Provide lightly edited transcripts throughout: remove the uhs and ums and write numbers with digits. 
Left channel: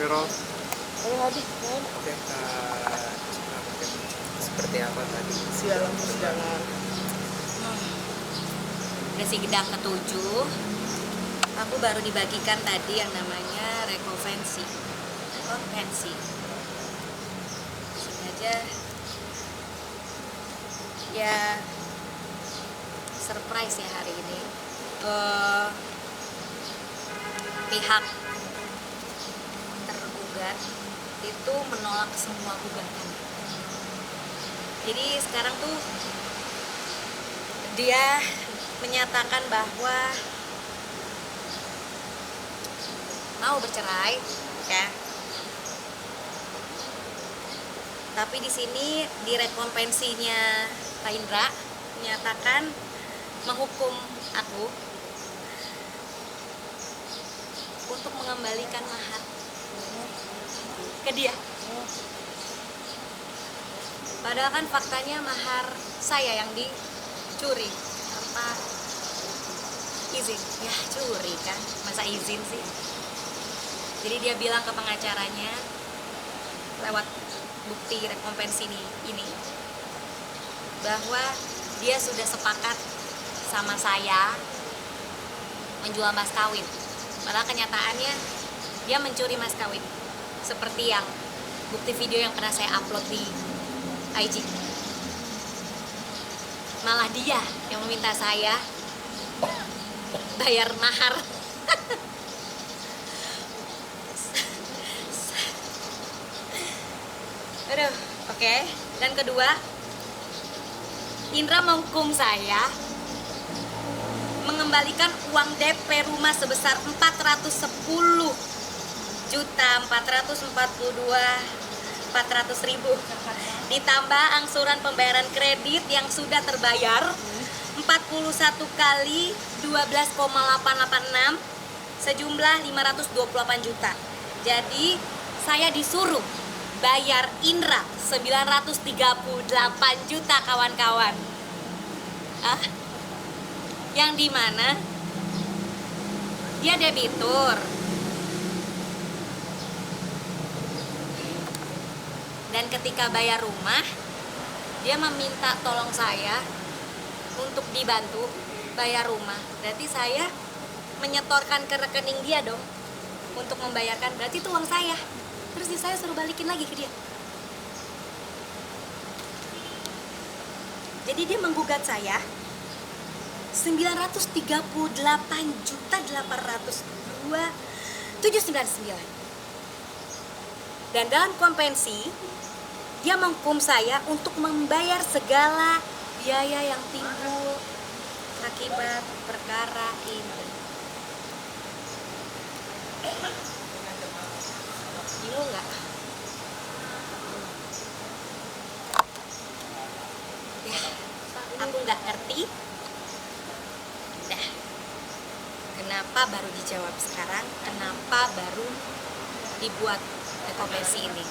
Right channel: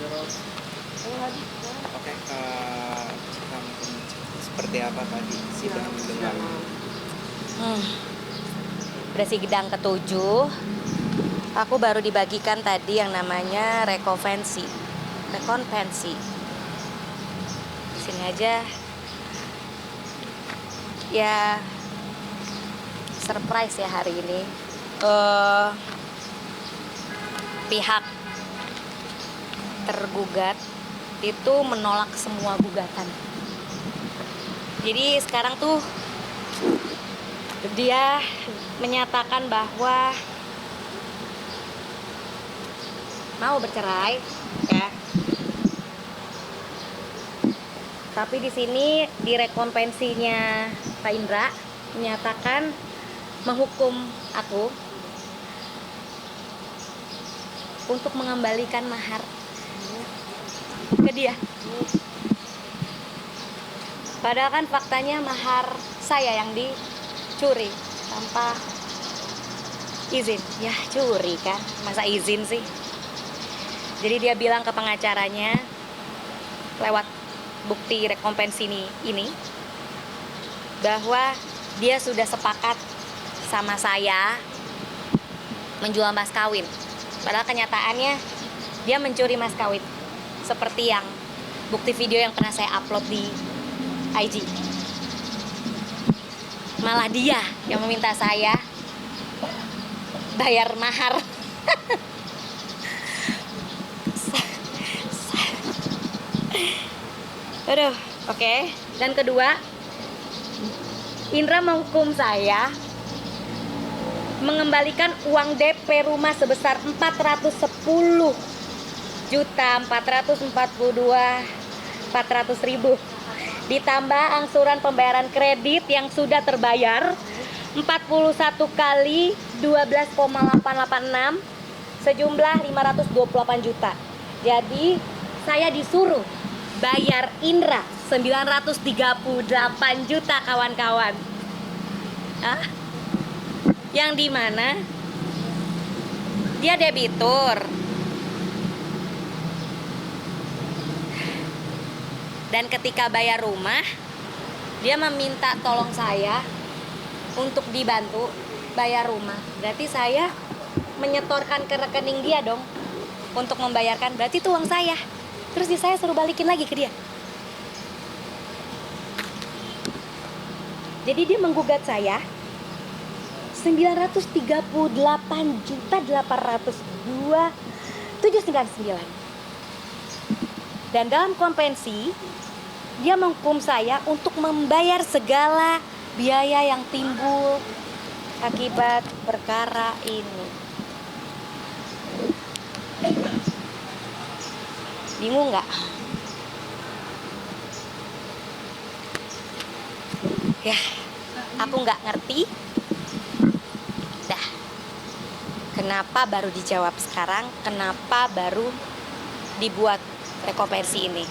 Astagfirullah. Ayo Hadi, main. Oke, Kak Cika, mungkin seperti apa tadi Dalam dengan Udah sidang ketujuh. Aku baru dibagikan tadi yang namanya rekonvensi. Di sini aja. Ya, surprise ya hari ini. Pihak tergugat itu menolak semua gugatan. Jadi sekarang tuh dia menyatakan bahwa mau bercerai, ya. Tapi di sini di rekonvensinya Pak Indra menyatakan menghukum aku untuk mengembalikan mahar ke dia. Padahal kan faktanya mahar saya yang dicuri tanpa izin. Ya curi kan, masa izin sih. Jadi dia bilang ke pengacaranya lewat bukti rekompensi ini bahwa dia sudah sepakat sama saya menjual mas kawin. Padahal kenyataannya dia mencuri mas kawin, seperti yang bukti video yang pernah saya upload di IG. Malah dia yang meminta saya bayar mahar. Aduh, oke. Dan kedua, Indra menghukum saya mengembalikan uang DP rumah sebesar 410.442.400.000 ditambah angsuran pembayaran kredit yang sudah terbayar 41 kali 12,886 sejumlah 528 juta. Jadi saya disuruh bayar Indra 938 juta, kawan-kawan. Yang dimana dia debitur. Dan ketika bayar rumah, dia meminta tolong saya untuk dibantu bayar rumah. Berarti saya menyetorkan ke rekening dia dong untuk membayarkan. Berarti itu uang saya. Terus saya suruh balikin lagi ke dia. Jadi dia menggugat saya 938.802.799. Dan dalam kompensi dia menghukum saya untuk membayar segala biaya yang timbul akibat perkara ini. Bingung nggak? Ya, aku nggak ngerti. Dah, kenapa baru dijawab sekarang? Kenapa baru dibuat rekompensi ini?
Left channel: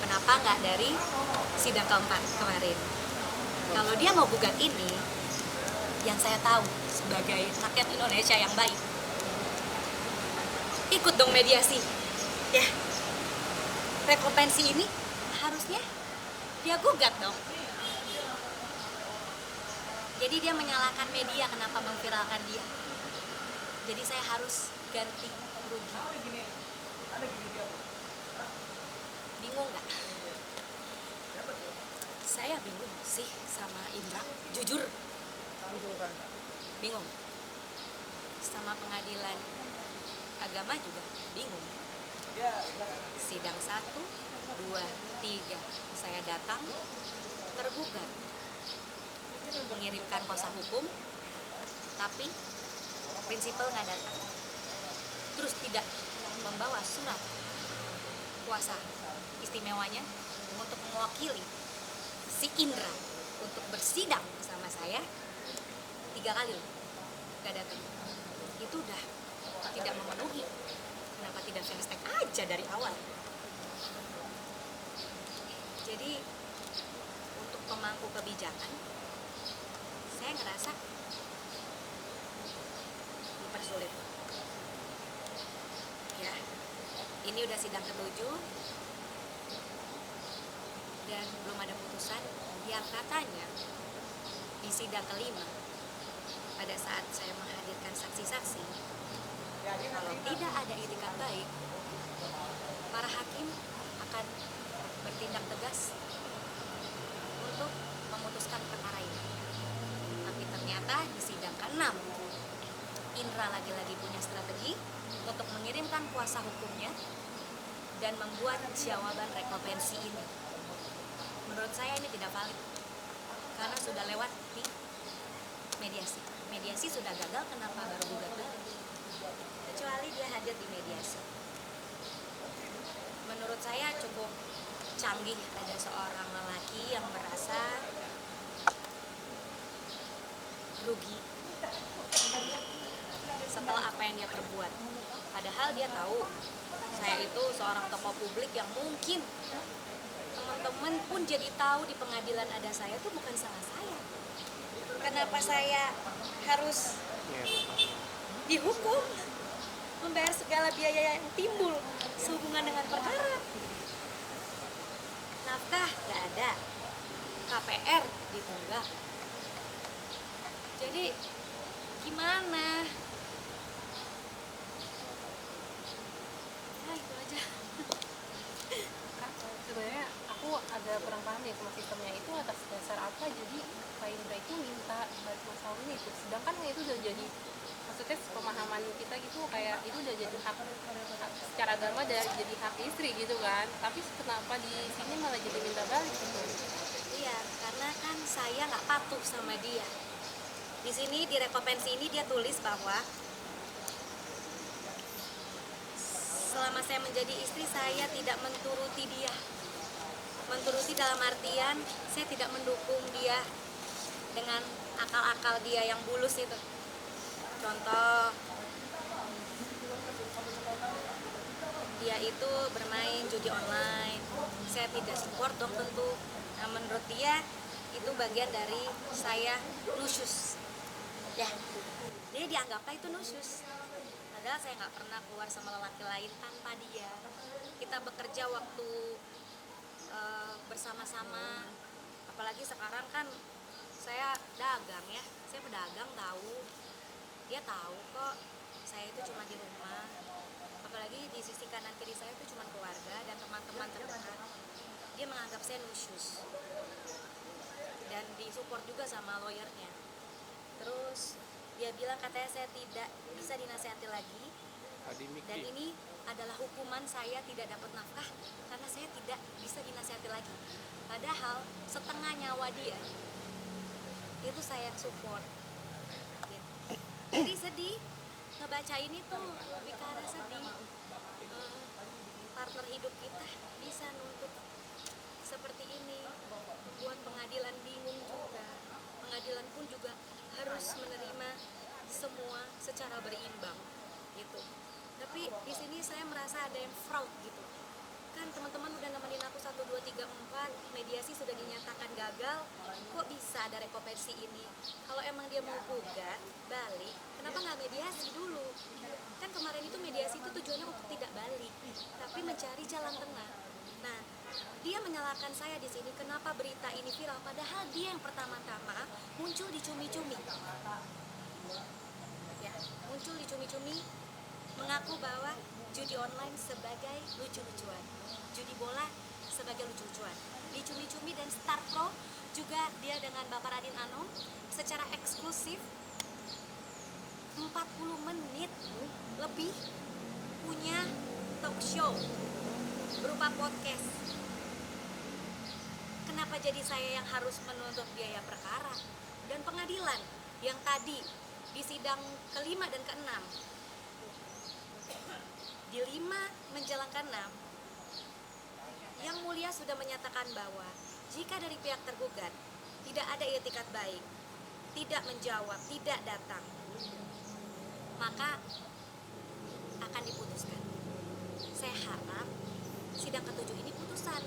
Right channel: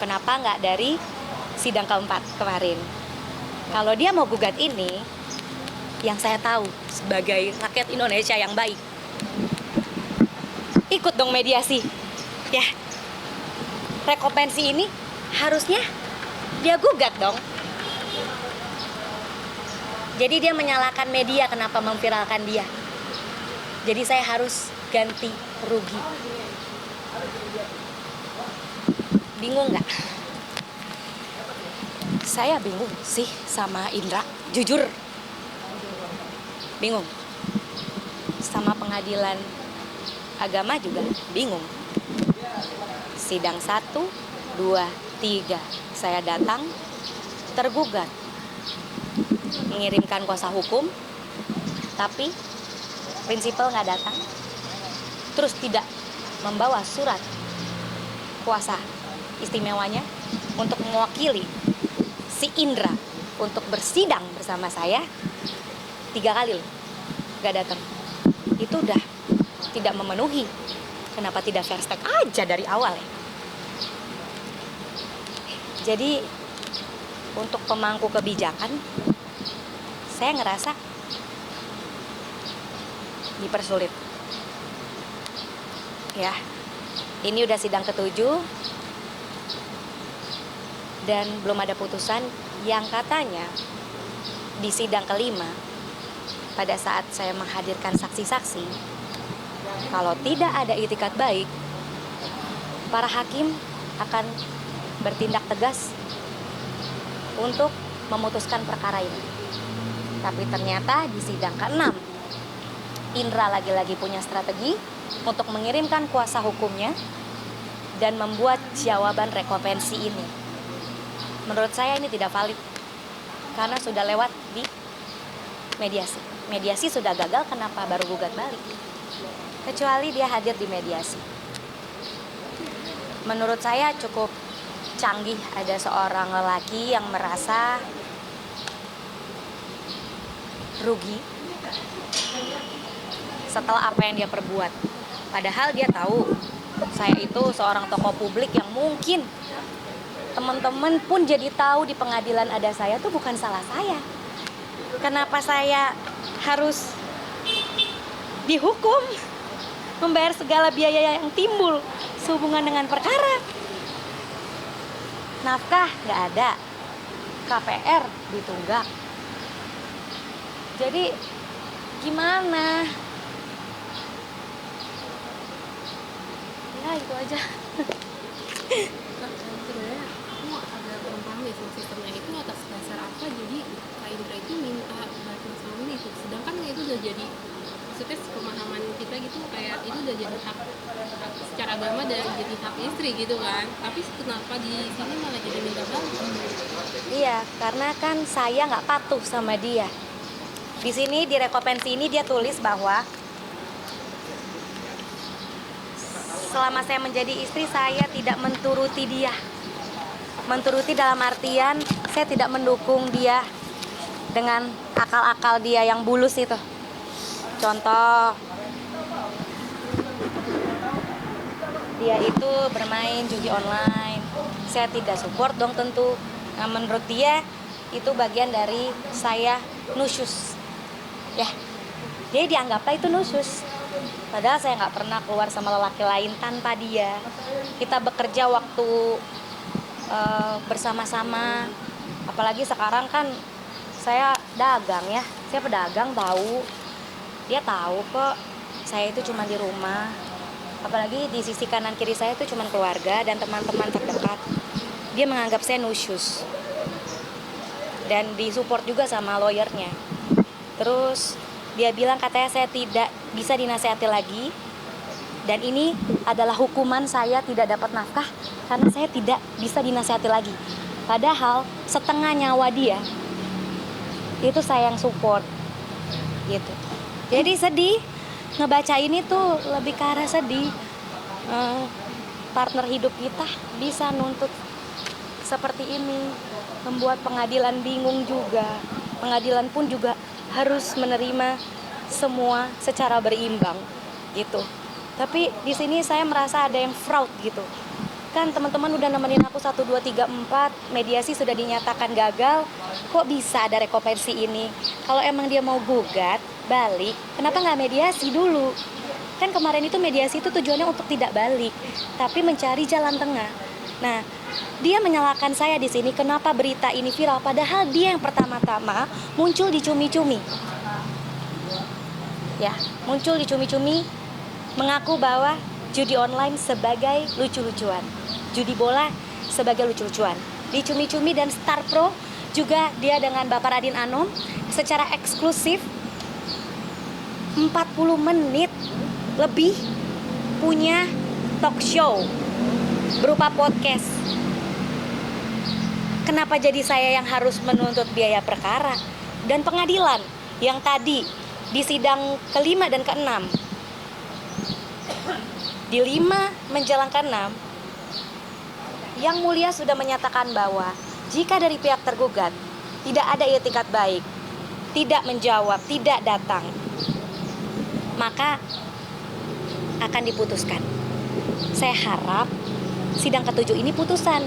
Kenapa nggak dari sidang keempat kemarin? Kalau dia mau gugat ini, yang saya tahu sebagai rakyat Indonesia yang baik, ikut dong mediasi, ya. Rekompensi ini harusnya dia gugat dong. Jadi dia menyalahkan media kenapa memviralkan dia. Jadi saya harus ganti rugi. Bingung nggak? Saya bingung sih sama Indra, jujur. Bingung. Sama pengadilan agama juga bingung. Sidang 1, 2, 3 saya datang, tergugat, mengirimkan kuasa hukum, tapi prinsipal nggak datang, terus tidak membawa surat kuasa istimewanya untuk mewakili si Indra untuk bersidang bersama saya 3 kali loh, nggak datang. Itu udah tidak memenuhi. Kenapa tidak fair stake aja dari awal ya? Jadi untuk pemangku kebijakan, saya ngerasa dipersulit. Ya, Ini udah sidang ketujuh dan belum ada putusan. Yang katanya di sidang kelima, pada saat saya menghadirkan saksi-saksi, kalau tidak ada itikat baik, para hakim akan bertindak tegas untuk memutuskan perkara ini. Tapi ternyata di sidang ke-6, Indra lagi-lagi punya strategi untuk mengirimkan kuasa hukumnya dan membuat jawaban rekopensi ini. Menurut saya ini tidak valid karena sudah lewat di mediasi. Mediasi sudah gagal, kenapa baru gugat balik? Kecuali dia hadir di mediasi. Menurut saya cukup canggih ada seorang lelaki yang merasa rugi setelah apa yang dia perbuat. Padahal dia tahu saya itu seorang tokoh publik yang mungkin teman-teman pun jadi tahu di pengadilan ada saya tuh bukan salah saya. Kenapa saya harus dihukum, membayar segala biaya yang timbul sehubungan dengan perkara? Nafkah nggak ada, KPR ditunggak. Jadi gimana? Ya itu aja. Kak, sebenarnya aku ada kurang paham ya sistemnya itu atas dasar apa jadi Kak Indra itu minta bantuan suami itu, sedangkan itu udah jadi maksudnya pemahaman kita gitu kayak itu udah jadi hak secara agama dan jadi hak istri gitu kan, tapi kenapa di sini malah jadi minta balik? Iya, karena kan saya nggak patuh sama dia. Di sini di rekopensi ini dia tulis bahwa selama saya menjadi istri saya tidak menturuti dia. Menturuti dalam artian saya tidak mendukung dia dengan akal-akal dia yang bulus itu. Contoh, dia itu bermain judi online, saya tidak support dong tentu. Nah, menurut dia itu bagian dari saya nusyus, ya. Jadi dianggaplah itu nusyus. Padahal saya nggak pernah keluar sama lelaki lain tanpa dia. Kita bekerja waktu bersama-sama. Apalagi sekarang kan saya dagang ya, saya pedagang tahu. Dia tahu kok saya itu cuma di rumah. Apalagi di sisi kanan kiri saya itu cuma keluarga dan teman-teman terdekat. Dia menganggap saya nusyus. Dan disupport juga sama lawyernya. Terus dia bilang katanya saya tidak bisa dinasihati lagi. Dan ini adalah hukuman saya tidak dapat nafkah karena saya tidak bisa dinasihati lagi. Padahal setengah nyawa dia itu saya yang support gitu. Jadi sedih ngebaca ini tuh, lebih ke arah sedih. Partner hidup kita bisa nuntut seperti ini, membuat pengadilan bingung juga. Pengadilan pun juga harus menerima semua secara berimbang gitu. Tapi di sini saya merasa ada yang fraud gitu. Kan teman-teman udah nemenin aku 1, 2, 3, 4, mediasi sudah dinyatakan gagal. Kok bisa ada rekopensi ini? Kalau emang dia mau gugat balik, kenapa nggak mediasi dulu? Kan kemarin itu mediasi itu tujuannya untuk tidak balik, tapi mencari jalan tengah. Nah, dia menyalahkan saya di sini kenapa berita ini viral, padahal dia yang pertama-tama muncul di cumi-cumi. Ya, muncul di cumi-cumi mengaku bahwa judi online sebagai lucu-lucuan, judi bola sebagai lucu-lucuan. Di Cumi-Cumi dan Star Pro juga dia dengan Bapak Radin Anom secara eksklusif 40 menit lebih punya talk show berupa podcast. Kenapa jadi saya yang harus menuntut biaya perkara? Dan pengadilan yang tadi di sidang ke-5 dan ke-6, di 5 menjelang ke-6, Yang Mulia sudah menyatakan bahwa jika dari pihak tergugat tidak ada itikat baik, tidak menjawab, tidak datang, maka akan diputuskan. Saya harap sidang ke-7 ini putusan.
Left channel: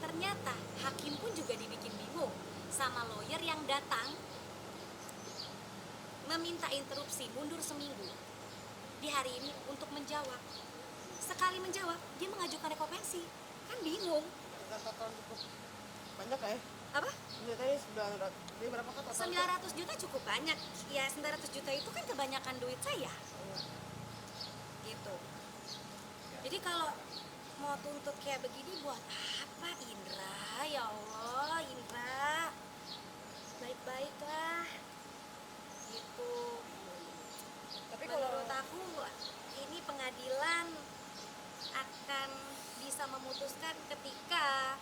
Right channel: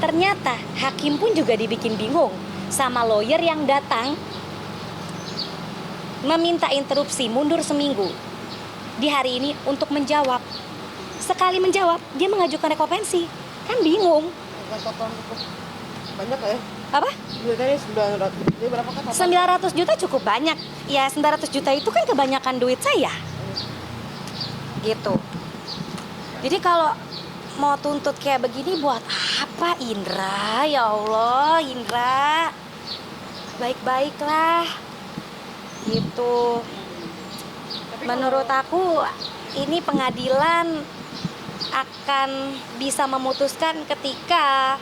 Ternyata hakim pun juga dibikin bingung sama lawyer yang datang meminta interupsi mundur seminggu di hari ini untuk menjawab sekali menjawab dia mengajukan rekompensi. Kan bingung. Total cukup banyak ya. Apa? Duitnya 900. Ini berapa kan? 900 juta cukup banyak. Ya 900 juta itu kan kebanyakan duit saya. Gitu. Jadi kalau mau tuntut kayak begini buat apa Indra? Ya Allah, Indra. Baik-baiklah. Gitu. Menurut aku ini pengadilan akan bisa memutuskan ketika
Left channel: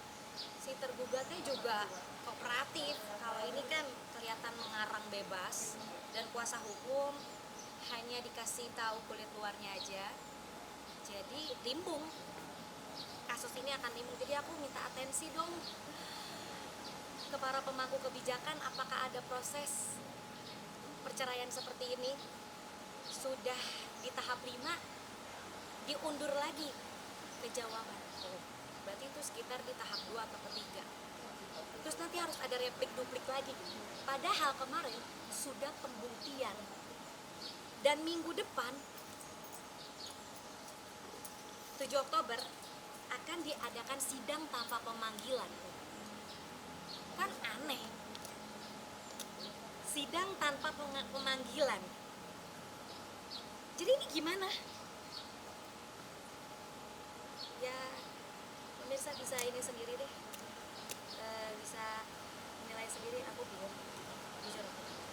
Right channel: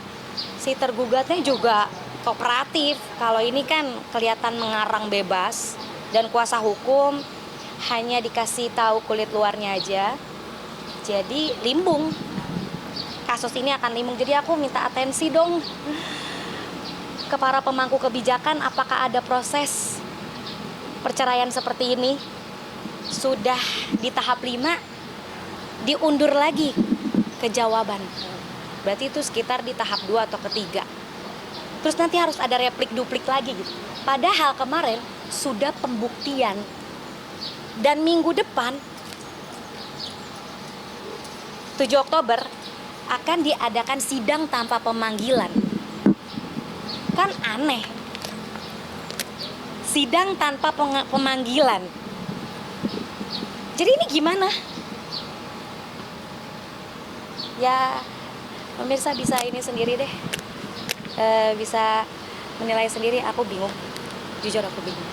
si tergugatnya juga kooperatif. Kalau ini kan kelihatan mengarang bebas dan kuasa hukum hanya dikasih tahu kulit luarnya aja. Jadi limbung. Kasus ini akan limbung. Jadi aku minta atensi dong ke para pemangku kebijakan, apakah ada proses perceraian seperti ini? Sudah di tahap 5 diundur lagi ke jawaban. Berarti itu sekitar di tahap 2 atau ketiga. Terus nanti harus ada replik-duplik lagi gitu. Padahal kemarin sudah pembuktian. Dan minggu depan 7 Oktober akan diadakan sidang tanpa pemanggilan. Kan aneh. Sidang tanpa pemanggilan. Jadi ini gimana? Ya, pemirsa bisa ini sendiri deh. Bisa menilai sendiri, aku bingung. Jujur aku bingung.